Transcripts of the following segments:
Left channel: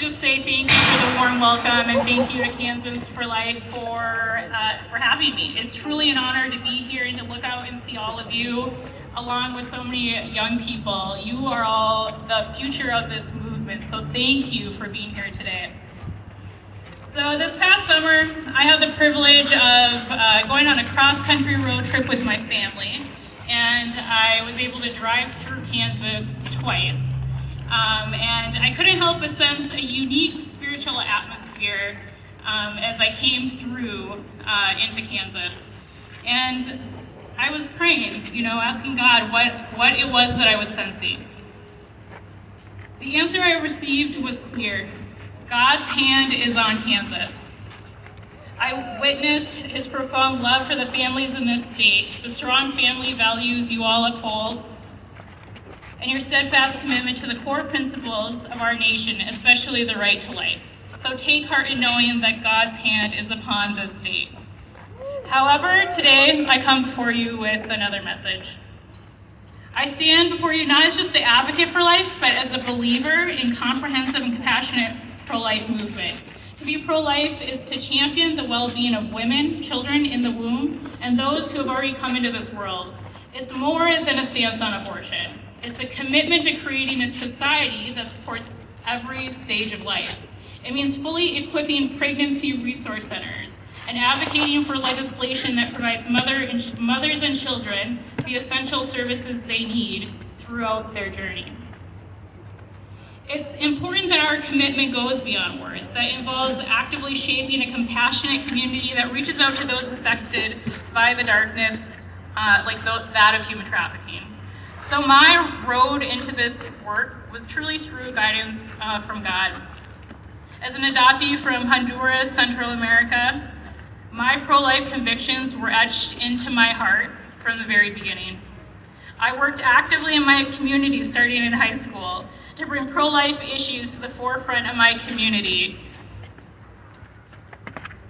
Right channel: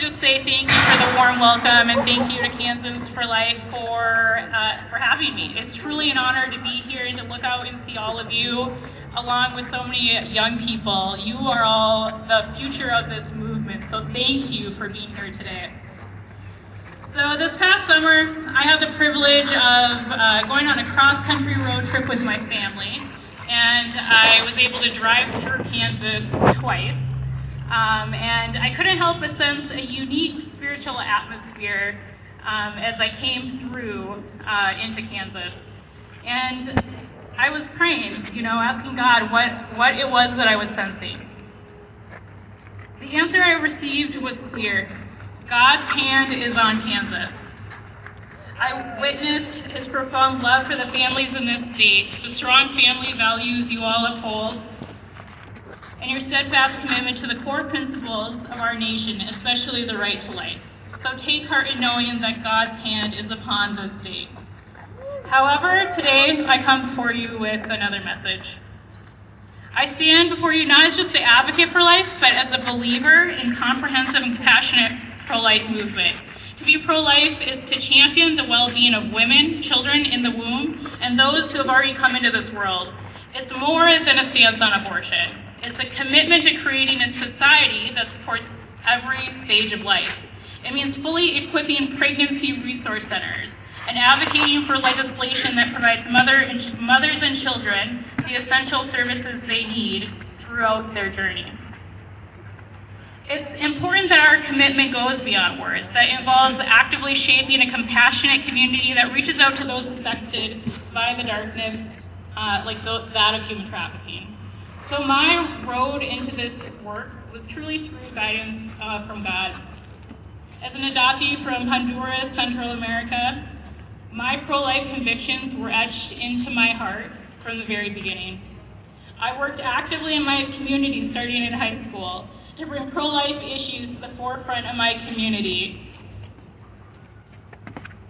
just say thank you for the warm welcome, and thank you to Kansas for Life for having me. It's truly an honor to be here and to look out and see all of you, along with so many young people. You are all the future of this movement, so thank you for being here today. So this past summer, I had the privilege of going on a cross-country road trip with my family, and I was able to drive through Kansas twice. And I couldn't help but sense a unique spiritual atmosphere as I came through into Kansas. And I was praying, asking God what it was that I was sensing. The answer I received was clear. God's hand is on Kansas. I witnessed his profound love for the families in this state, the strong family values you all uphold, and your steadfast commitment to the core principles of our nation, especially the right to life. So take heart in knowing that God's hand is upon this state. However, today I come before you with another message. I stand before you not as just an advocate for life, but as a believer in comprehensive and compassionate pro-life movement. To be pro-life is to champion the well-being of women, children in the womb, and those who have already come into this world. It's more than a stance on abortion. It's a commitment to creating a society that supports every stage of life. It means fully equipping pregnancy resource centers and advocating for legislation that provides mothers and children the essential services they need throughout their journey. It's important that our commitment goes beyond words, that involves actively shaping a compassionate community that reaches out to those affected by the darkness, like that of human trafficking. So my road into this work was truly through guidance from God. As an adoptee from Honduras, Central America, my pro-life convictions were etched into my heart from the very beginning. I worked actively in my community starting in high school to bring pro-life issues to the forefront of my community.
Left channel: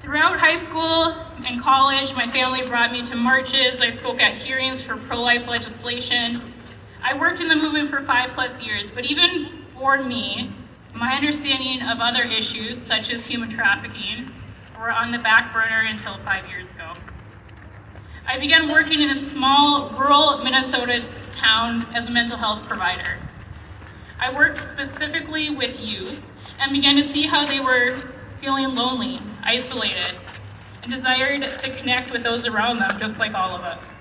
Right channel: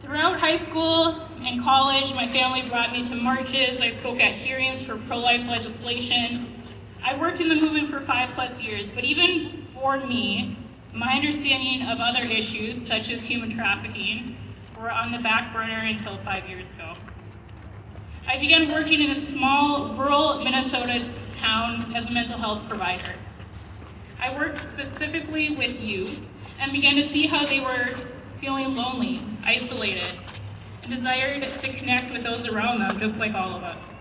Throughout high school and college, my family brought me to marches. I spoke at hearings for pro-life legislation. I worked in the movement for 5+ years, but even for me, my understanding of other issues, such as human trafficking, were on the back burner until 5 years ago. I began working in a small rural Minnesota town as a mental health provider. I worked specifically with youth and began to see how they were feeling lonely, isolated, and desired to connect with those around them, just like all of us.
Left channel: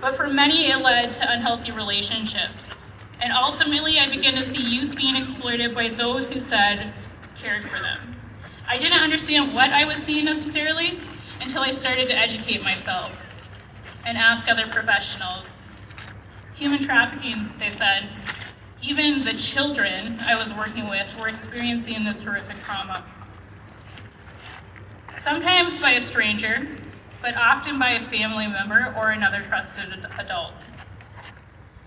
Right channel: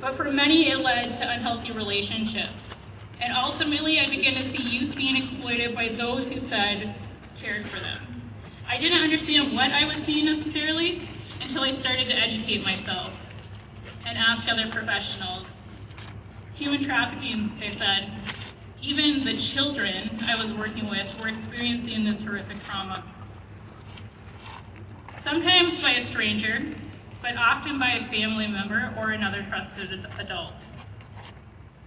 But for many, it led to unhealthy relationships. And ultimately, I began to see youth being exploited by those who said cared for them. I didn't understand what I was seeing necessarily until I started to educate myself and ask other professionals. Human trafficking, they said. Even the children I was working with were experiencing this horrific trauma. Sometimes by a stranger, but often by a family member or another trusted adult.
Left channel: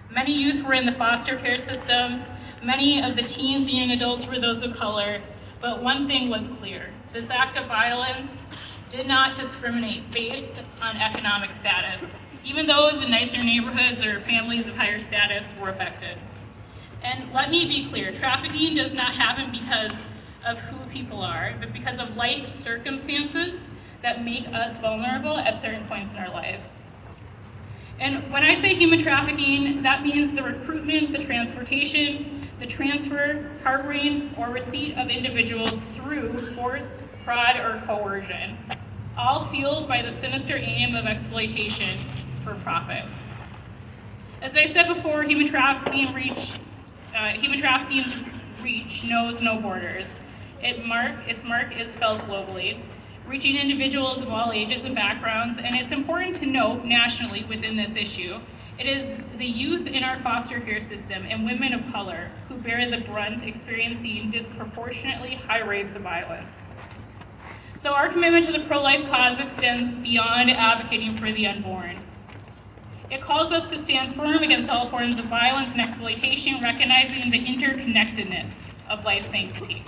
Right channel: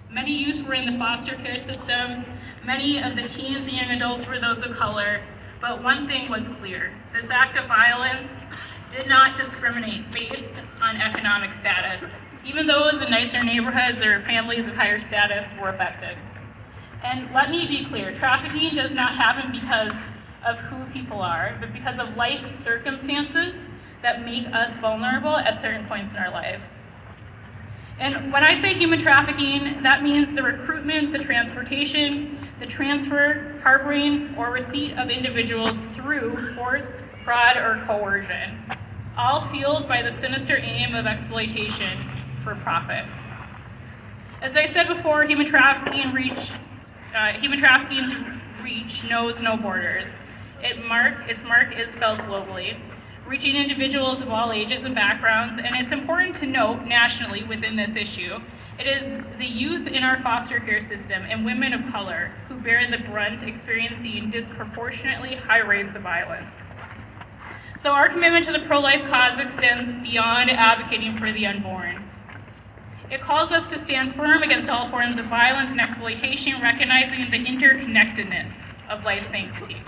Many youth were in the foster care system. Many of the teens and young adults were those of color, but one thing was clear. This act of violence did not discriminate based on economic status. Even those in nicer neighborhoods or families of higher status were affected. And let me be clear, trafficking does not happen because of who people are, but because of life circumstances that make us vulnerable at certain points in our lives. And when I say human trafficking, that means the recruitment, the transportation, the transfer, harboring, or receipt of individuals through force, fraud, or coercion, all fueled by the sinister aim of exploitation for profit. As I said before, human trafficking's reach knows no borders. Its mark is felt globally, reaching individuals of all ages and backgrounds, and it's important to note nationally within this issue, it is the youth in our foster care system and women of color who bear the brunt, experiencing disproportionately high rates of violence. So our commitment to the pro-life cause extends beyond advocating for the unborn. It calls us to stand firm against all forms of violence and exploitation, recognizing the interconnectedness of life sanctity.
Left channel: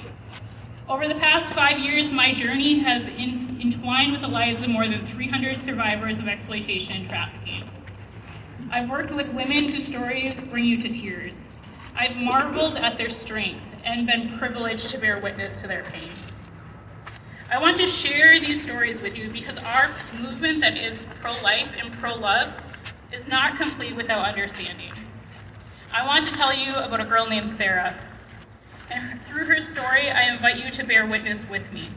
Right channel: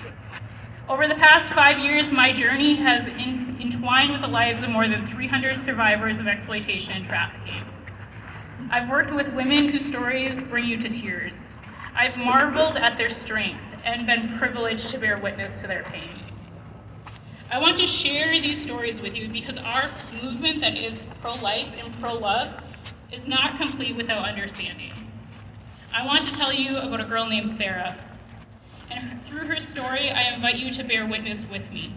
Over the past 5 years, my journey has entwined with the lives of more than 300 survivors of exploitation and trafficking. I've worked with women whose stories bring you to tears. I've marveled at their strength and been privileged to bear witness to their pain. I want to share these stories with you because our movement that is pro-life and pro-love is not complete without understanding. I want to tell you about a girl named Sarah. And through her story, I invite you to bear witness with me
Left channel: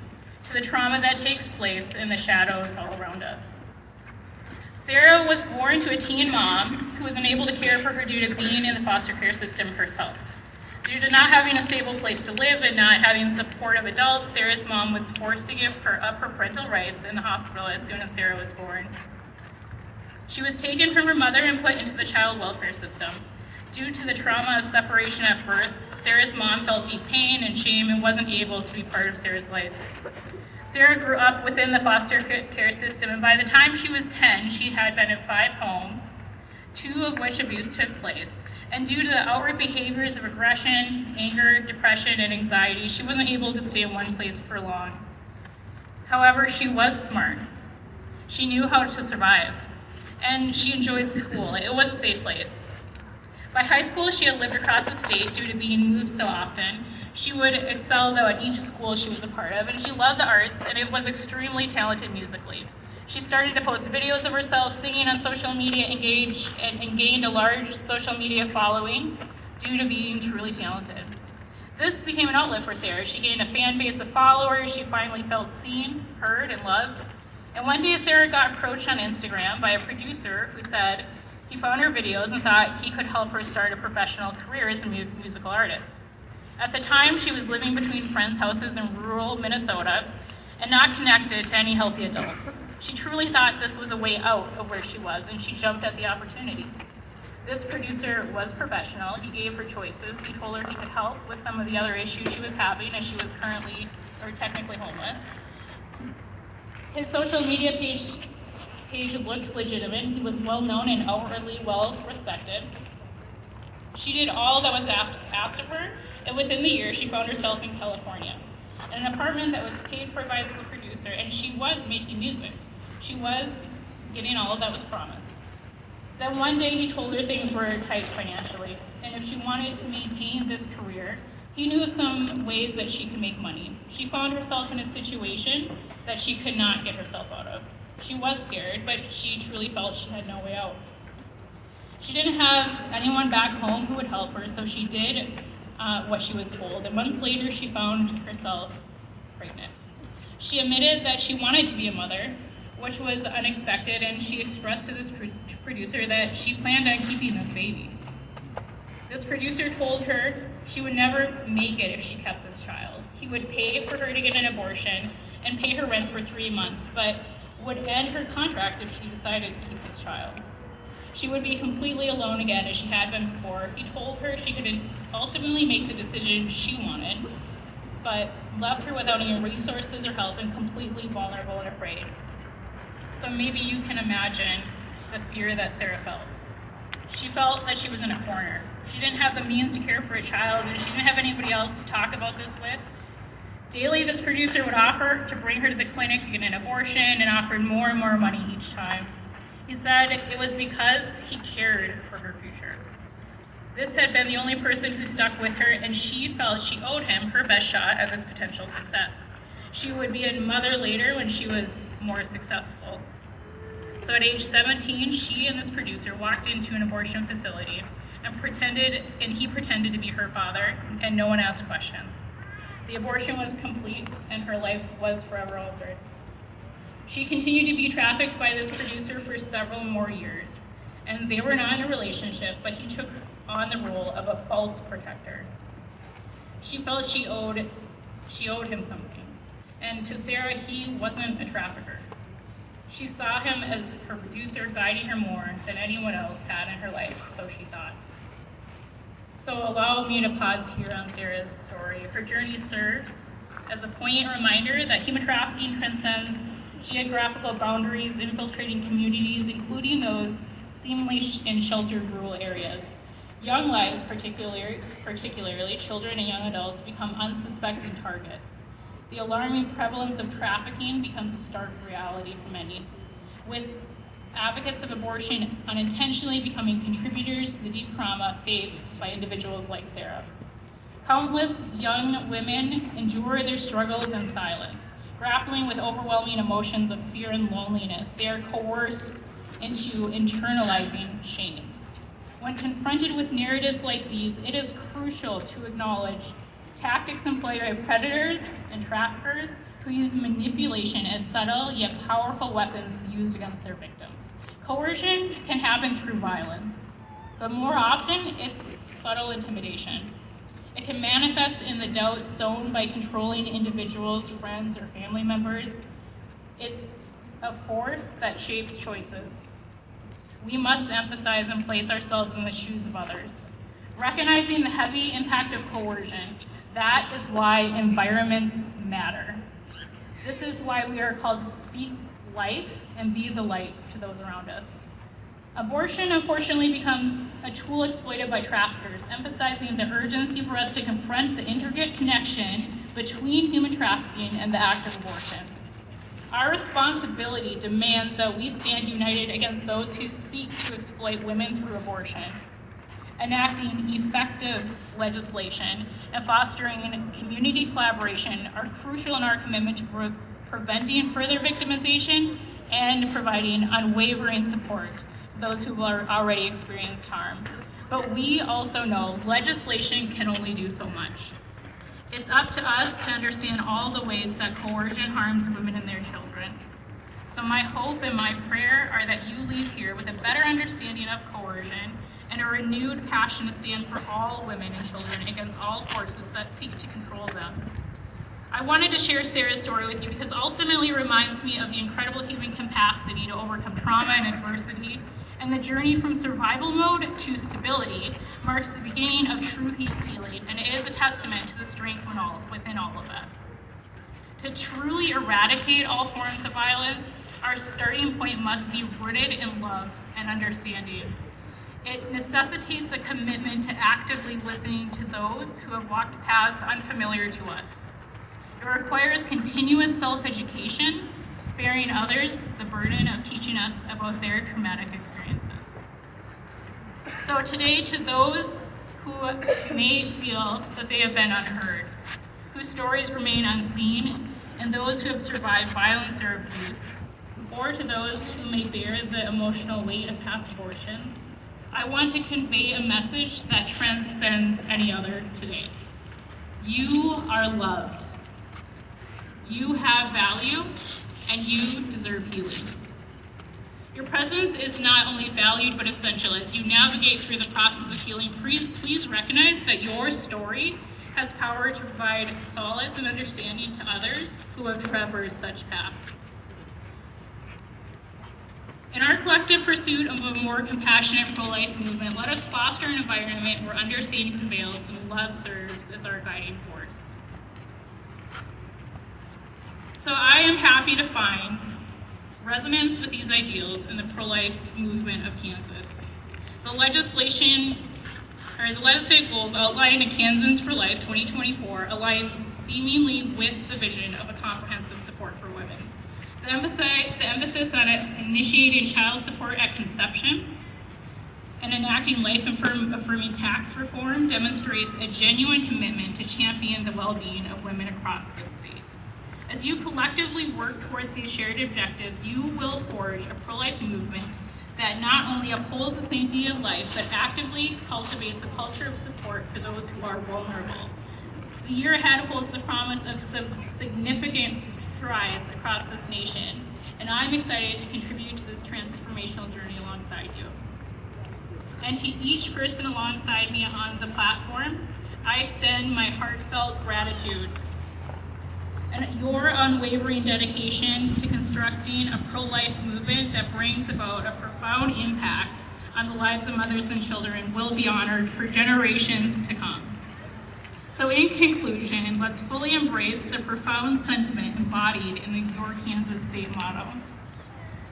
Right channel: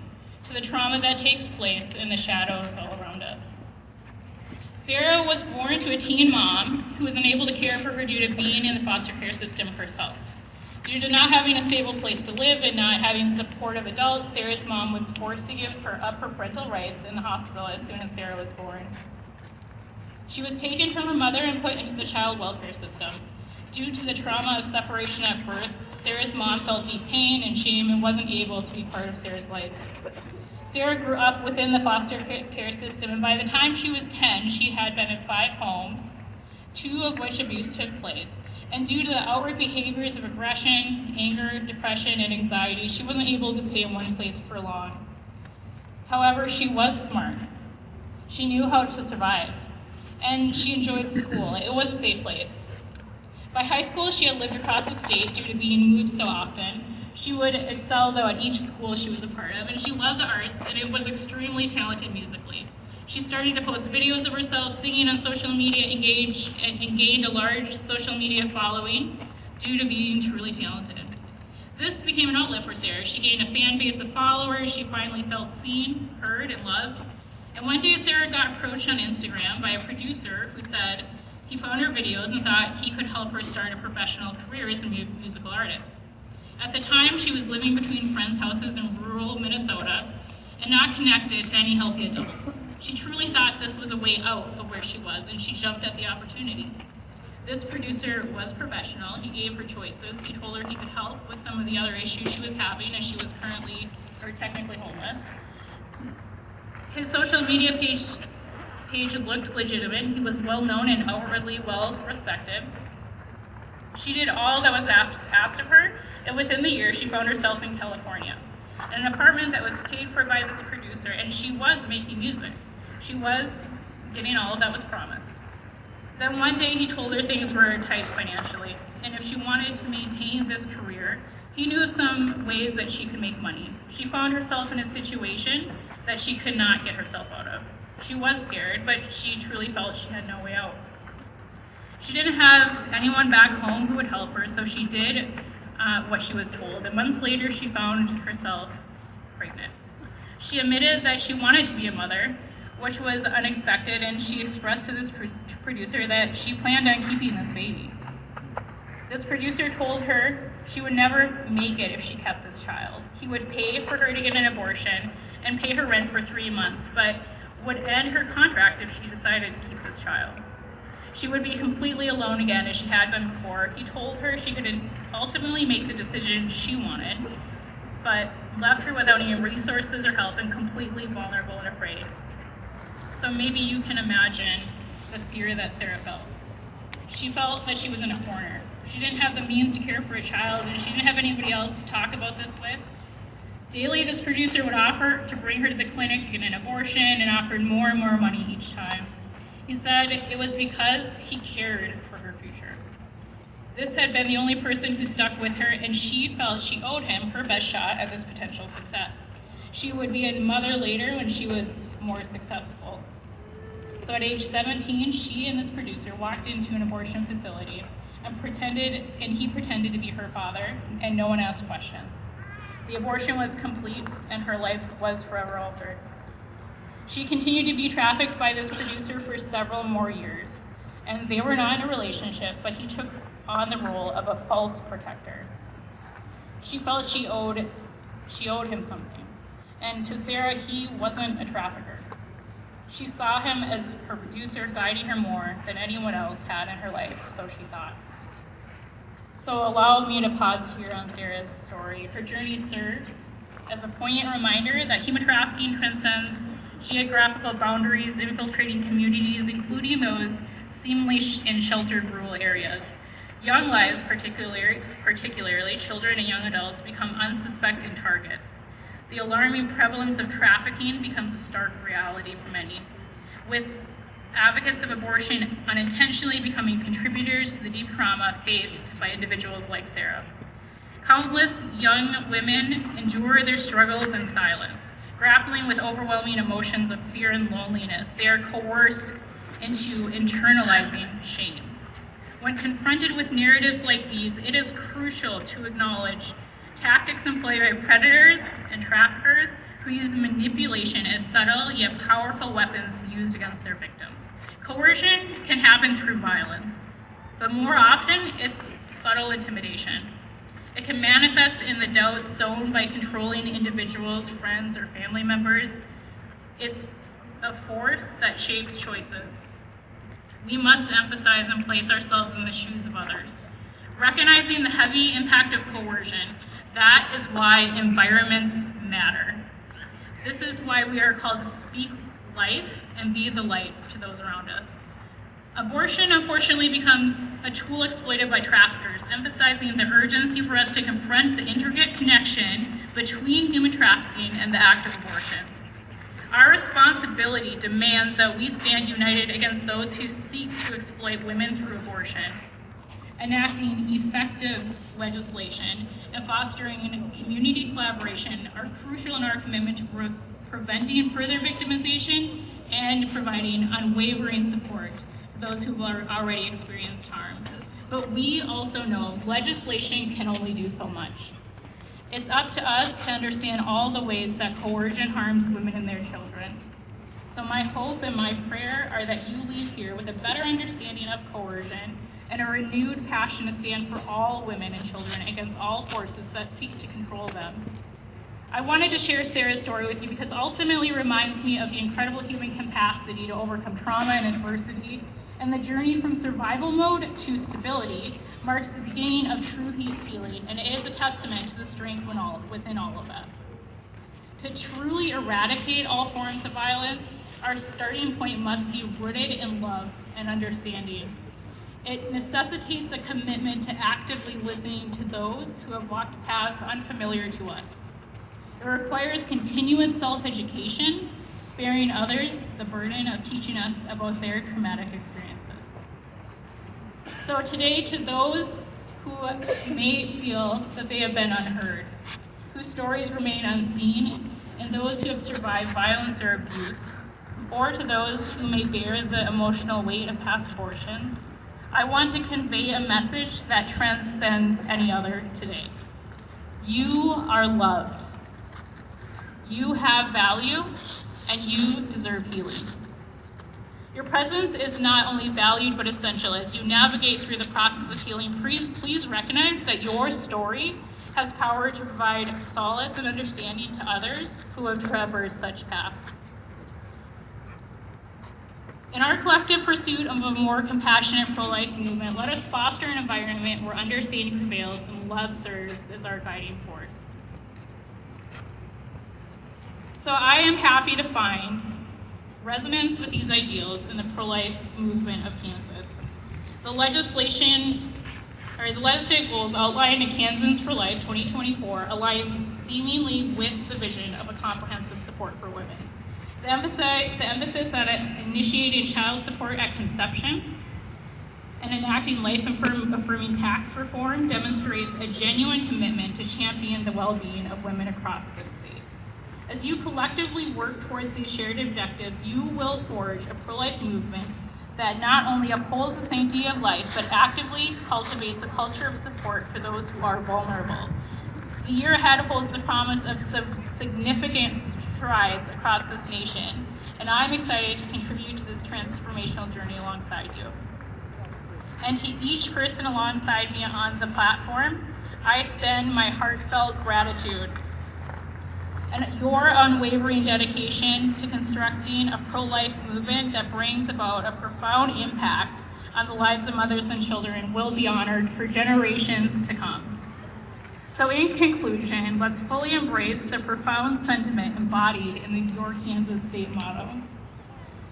to the trauma that takes place in the shadows all around us. Sarah was born to a teen mom who was unable to care for her due to being in the foster care system herself. Due to not having a stable place to live and not having supportive adults, Sarah's mom was forced to give up her parental rights in the hospital as soon as Sarah was born. She was taken from her mother and put into the child welfare system. Due to the trauma of separation at birth, Sarah's mom felt deep pain and shame and wasn't able to be part of Sarah's life. Sarah grew up within the foster care system, and by the time she was 10, she had been in 5 homes, 2 of which abuse took place. And due to the outward behaviors of aggression, anger, depression, and anxiety, she wasn't able to stay in one place for long. However, she was smart. She knew how to survive, and she enjoyed school. It was a safe place. By high school, she had lived across the state due to being moved so often. She would excel, though, at each school she was a part of, and she loved the arts and was extremely talented musically. She started to post videos of herself singing on social media and gained a large social media following due to being truly talented. This became an outlet for Sarah. She gained a fan base of followers. She finally felt seen, heard, and loved. And one day, Sarah got approached on Instagram by a producer who said he found her videos and thought he could help her start a professional career as a musical artist. At the time, she was living between friends' houses in rural Minnesota and not connected to any healthy adults. She truly thought this was a way out of where she was, and she jumped at the opportunity. This producer was professional. He gave her choices. He told her he could help with some of the other issues she was having as she was technically homeless. His social media page looked legitimate. He was well known and outwardly well respected. She did all that was asked of her, and within the year, she found herself in California, in an apartment that was paid for by this producer, and she was making music. She was getting all that was promised. Then one day he told her things were tight financially, and if she wanted to maintain this career, he knew of some ways that she could make money. She found herself in a situation that she could not get herself out of. She was scared, but she truly felt she had no way out. She didn't have anyone back home who would help her, so she did what she was told, and months later she found herself pregnant. She admitted that she wanted to be a mother, which was unexpected, and she expressed to this producer that she planned on keeping this baby. This producer told her she would never make it if she kept this child. He would pay for her to get an abortion and pay her rent for 3 months, but would end her contract if she decided to keep this child. She would be completely alone again as she had been before. He told her she could ultimately make the decision she wanted, but left her without any resources or help and completely vulnerable and afraid. So maybe you can imagine the fear that Sarah felt. She felt that she was in a corner. She didn't have the means to care for a child, and she didn't have anybody else to talk about this with. Daily, this producer would offer to bring her to the clinic to get an abortion and offered more and more money each time. He said it was because he cared for her future. This had been the only person who stuck with her, and she felt she owed him her best shot at this potential success. She would be a mother later when she was more successful. So at age 17, she and this producer walked into an abortion facility and he pretended to be her father, and no one asked questions. The abortion was complete, and her life was forever altered. She continued to be trafficked by this producer for several more years, and they were not in a relationship, but he took on the role of a false protector. She felt she owed him something, and to Sarah, he wasn't a trafficker. She saw him as her producer, guiding her more than anyone else had in her life, so she thought. So allow me to pause here on Sarah's story. Her journey serves as a poignant reminder that human trafficking transcends geographical boundaries, infiltrating communities, including those seemingly in sheltered rural areas. Young lives, particularly children and young adults, become unsuspecting targets. The alarming prevalence of trafficking becomes a stark reality for many, with advocates of abortion unintentionally becoming contributors to the deep trauma faced by individuals like Sarah. Countless young women endure their struggles in silence, grappling with overwhelming emotions of fear and loneliness. They are coerced into internalizing shame. When confronted with narratives like these, it is crucial to acknowledge tactics employed by predators and traffickers who use manipulation as subtle yet powerful weapons used against their victims. Coercion can happen through violence, but more often it's subtle intimidation. It can manifest in the doubt sown by controlling individuals, friends, or family members. It's a force that shapes choices. We must emphasize and place ourselves in the shoes of others. Recognizing the heavy impact of coercion, that is why environments matter. This is why we are called to speak life and be the light to those around us. Abortion, unfortunately, becomes a tool exploited by traffickers, emphasizing the urgency for us to confront the intricate connection between human trafficking and the act of abortion. Our responsibility demands that we stand united against those who seek to exploit women through abortion. Enacting effective legislation and fostering community collaboration are crucial in our commitment to preventing further victimization and providing unwavering support to those who have already experienced harm. But we also know legislation can only do so much. It's up to us to understand all the ways that coercion harms women and their children. So my hope and my prayer are that you leave here with a better understanding of coercion and a renewed passion to stand for all women and children against all forces that seek to control them. I wanted to share Sarah's story with you because ultimately it reminds me of the incredible human capacity to overcome trauma and adversity, and the journey from survival mode to stability marks the beginning of true healing, and it is a testament to the strength within all of us. To truly eradicate all forms of violence, our starting point must be rooted in love and understanding. It necessitates a commitment to actively listening to those who have walked paths unfamiliar to us. It requires continuous self-education, sparing others the burden of teaching us about their traumatic experiences. So today, to those who may feel that they have been unheard, whose stories remain unseen, and those who have survived violence or abuse, or to those who may bear the emotional weight of past abortions, I want to convey a message that transcends any other today. You are loved. You have value, and you deserve healing. Your presence is not only valued but essential. As you navigate through the process of healing, please recognize that your story has power to provide solace and understanding to others who have traversed such paths. In our collective pursuit of a more compassionate pro-life movement, let us foster an environment where understanding prevails and love serves as our guiding force. So I am happy to find resonance with these ideals in the pro-life movement of Kansas. The legislative goals outlined in Kansans for Life 2024 aligns seemingly with the vision of a comprehensive support for women. The emphasis on initiating child support at conception and enacting life-affirming tax reform demonstrates a genuine commitment to champion the well-being of women across this state. As you collectively work towards these shared objectives, you will forge a pro-life movement that not only upholds the sanctity of life, but actively cultivates a culture of support for those who are vulnerable. The year ahead holds the promise of significant strides across this nation, and I'm excited to contribute to this transformational journey alongside you. And to each person alongside me on the platform, I extend my heartfelt gratitude and your unwavering dedication to constructing a pro-life movement that brings about a profound impact on the lives of mothers and children will be honored for generations to come. So in conclusion, let's fully embrace the profound sentiment embodied in the Your Kansas State motto,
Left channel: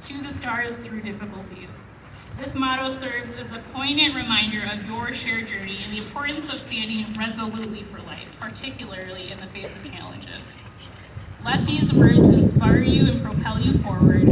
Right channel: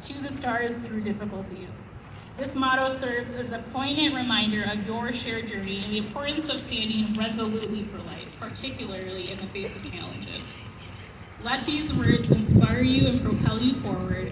"To the stars through difficulties." This motto serves as a poignant reminder of your shared journey and the importance of standing resolutely for life, particularly in the face of challenges. Let these words inspire you and propel you forward,